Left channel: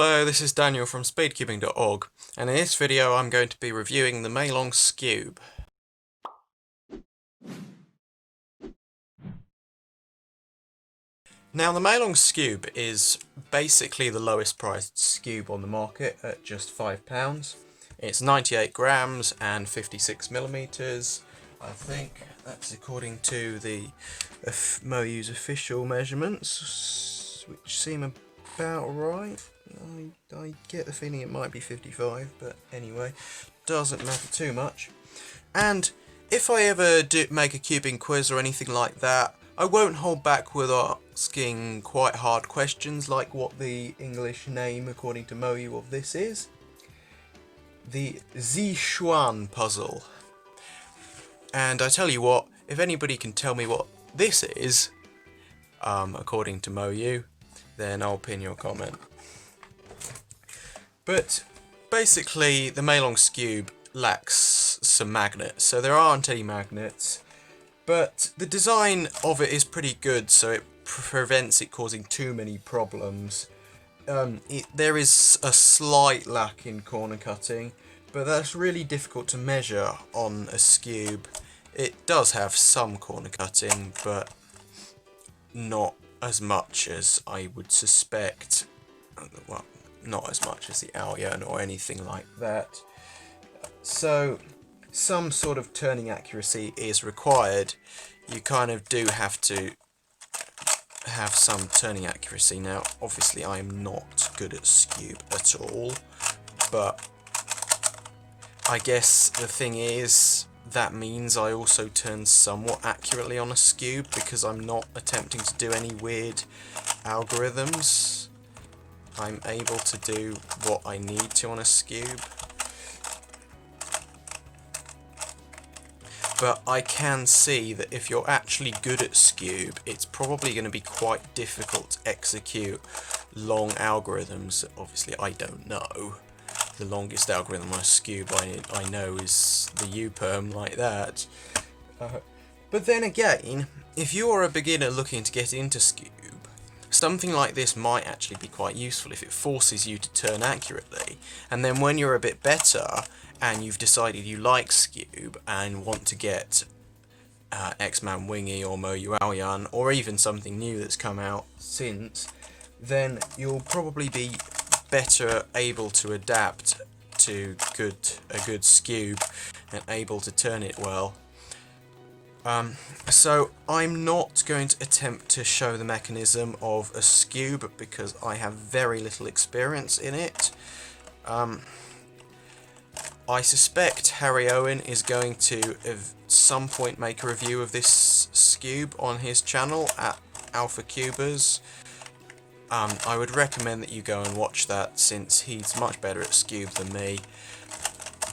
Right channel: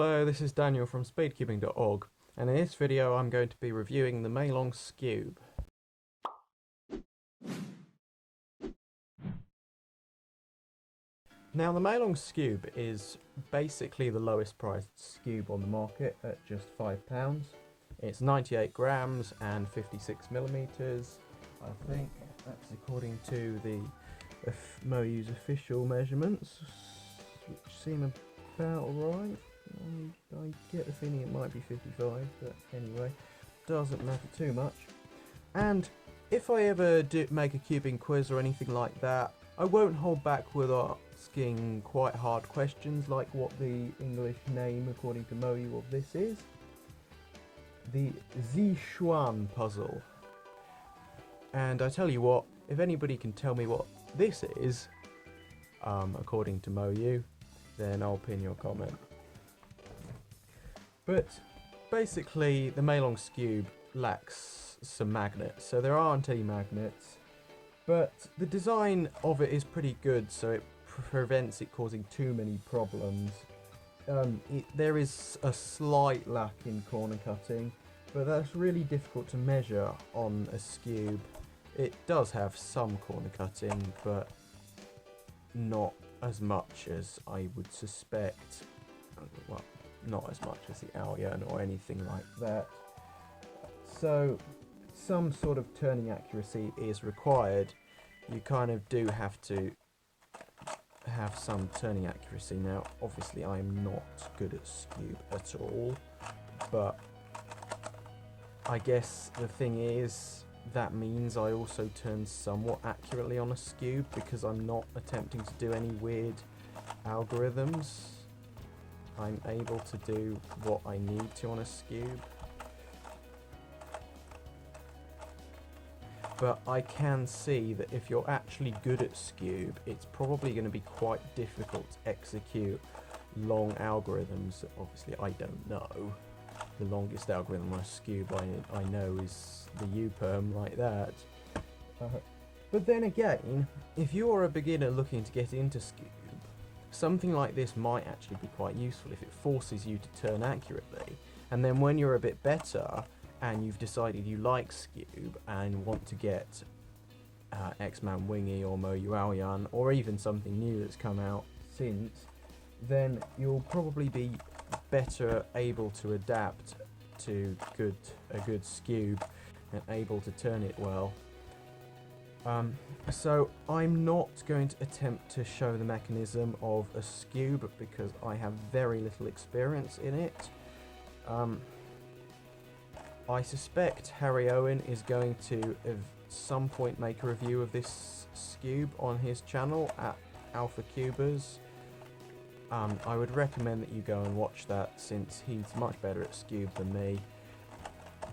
Hello, this is Daniel from speedcubing.org, and in this video I'm going to be reviewing the meilong skewb. Now the meilong skewb is basically the lowest priced skewb on the market at just £5. It's 98 grams and 56 millimeters. I think that's according to the MoYu's official measurements, which seem about right. I get the feeling it might be 55, but anyway, doesn't matter too much. And if I ever do make a cubing quiz or anything like that, I won't hold back with asking quite hard questions like what the English name according to MoYu of this is. The Sichuan puzzle. And I tell you what, if anybody can tell me what this is, according to MoYu, then I'll pin your comment. But basically the meilong skewb lacks some magnets, so there aren't any magnets, but the design of it is pretty good, so it prevents it causing too many problems. There is a slight lack in corner cutting, but that's really difficult to measure on a skewb. It does have some corner cutting, but not as much as I would suspect. Well, not as much as the AoYan or anything like that. So some sort of turning accuracy is required. You kind of do have to have some turning accuracy. Now obviously I am not good at skewb at all, but I guess the thing is that means I also turn somewhat accurately on a skewb because I'm not attempting to do any weird algorithms. I'm able to do what I need to on a skewb. But I can see that if you're actually good at skewb, it's probably going to be quite difficult to execute long algorithms. Obviously I don't know. The longest algorithm on a skewb I know is the U-perm, like that. But then again, if you're a beginner looking to get into skewb, something like this might actually be quite useful if it forces you to turn accurately, and then when you're a bit better and you've decided you like skewb and want to get X-Man Wingy or MoYu AoYan, or even something new that's come out since, then you'll probably be better able to adapt to a good skewb and able to turn it well. So I'm not going to attempt to show the mechanism of a skewb because I have very little experience in it. I suspect Harry Owen is going to at some point make a review of this skewb on his channel at Alpha Cubers. I would recommend that you go and watch that since he's much better at skewb than me,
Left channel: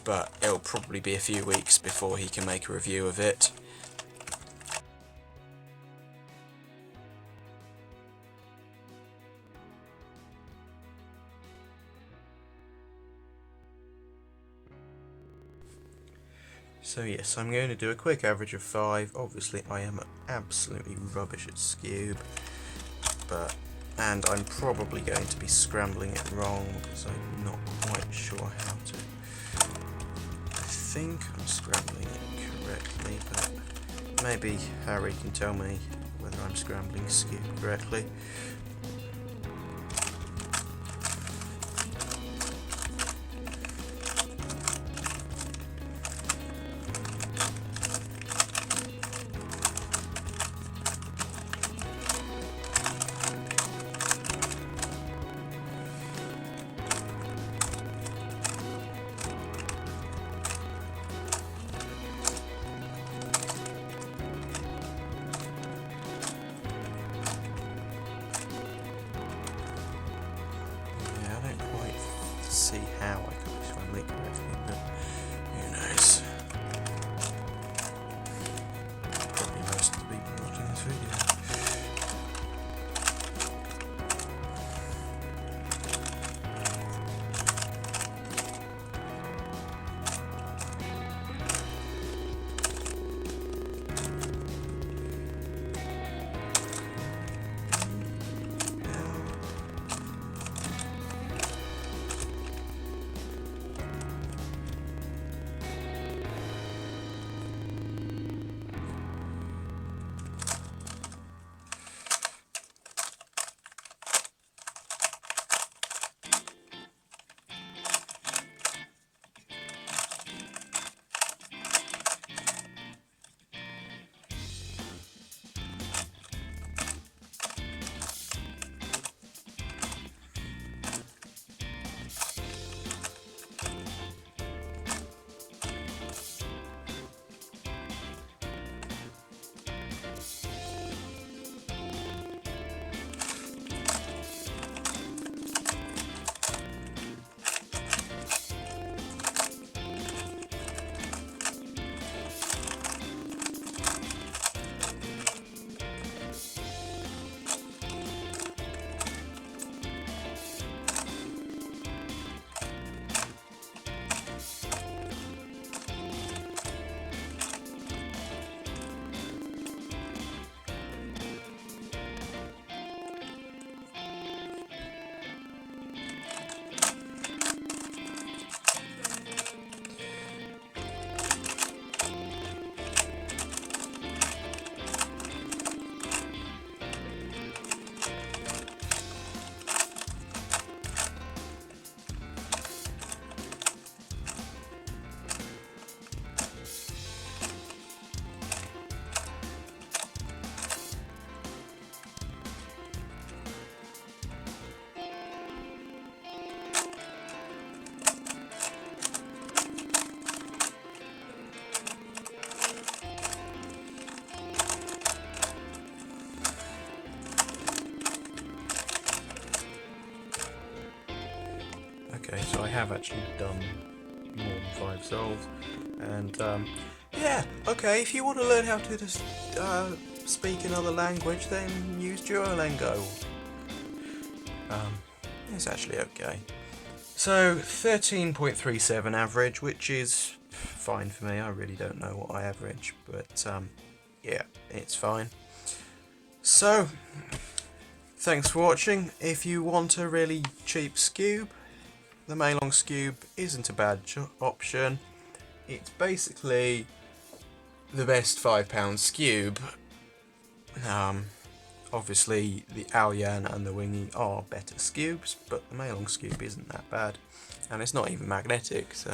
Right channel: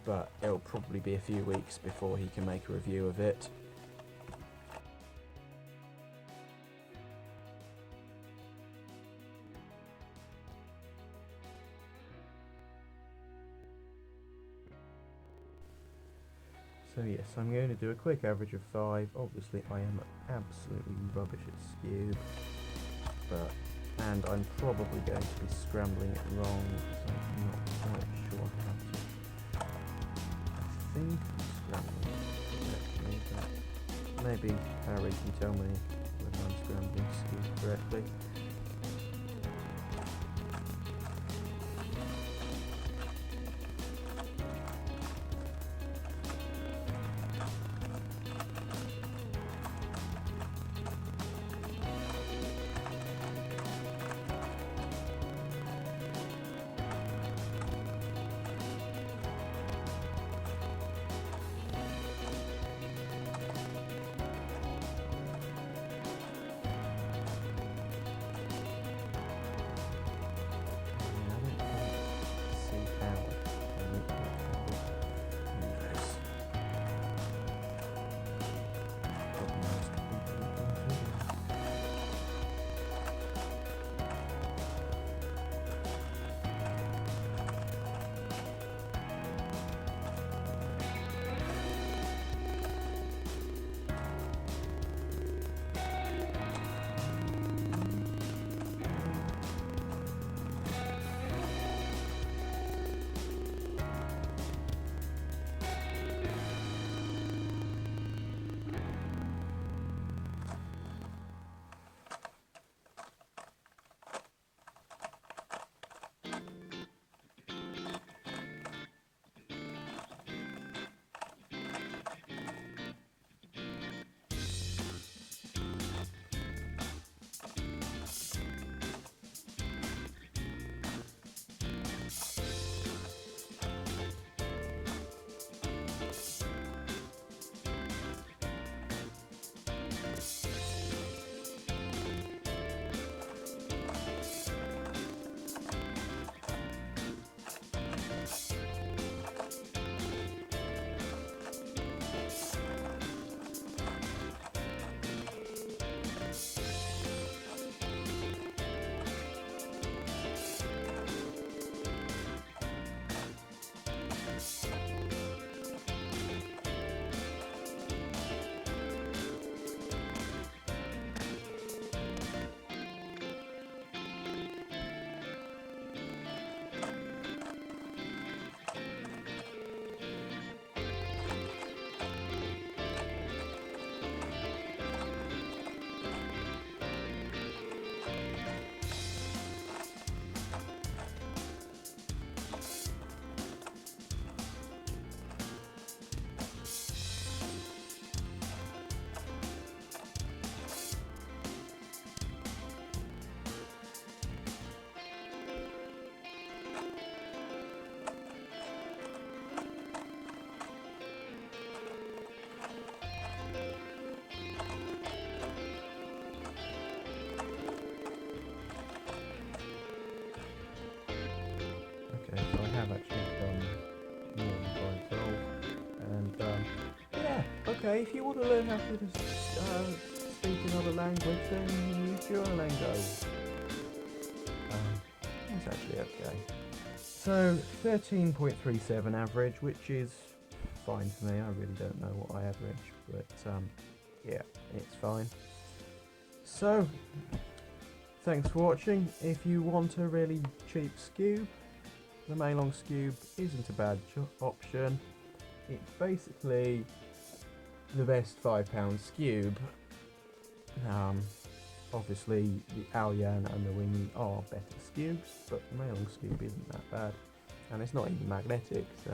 but it'll probably be a few weeks before he can make a review of it. So yes, I'm going to do a quick average of 5. Obviously I am absolutely rubbish at skewb, and I'm probably going to be scrambling it wrong because I'm not quite sure how to. I think I'm scrambling it correctly, but maybe Harry can tell me whether I'm scrambling skewb correctly. Okay, so I have actually done more than 5 souls, and yeah, okay, if you want to learn how to just speak another language, then use Duolingo. It's actually okay. So 13.37 average, which is fine for me. I really don't know what I average, but yeah, it's fine. So thanks for watching. If you want a really cheap skewb, the meilong skewb isn't a bad option. It's basically the best £5 skewb. Obviously the AoYan and the Wingy are better skewbs, but the meilong skewb isn't that bad, and it's not even magnetic, so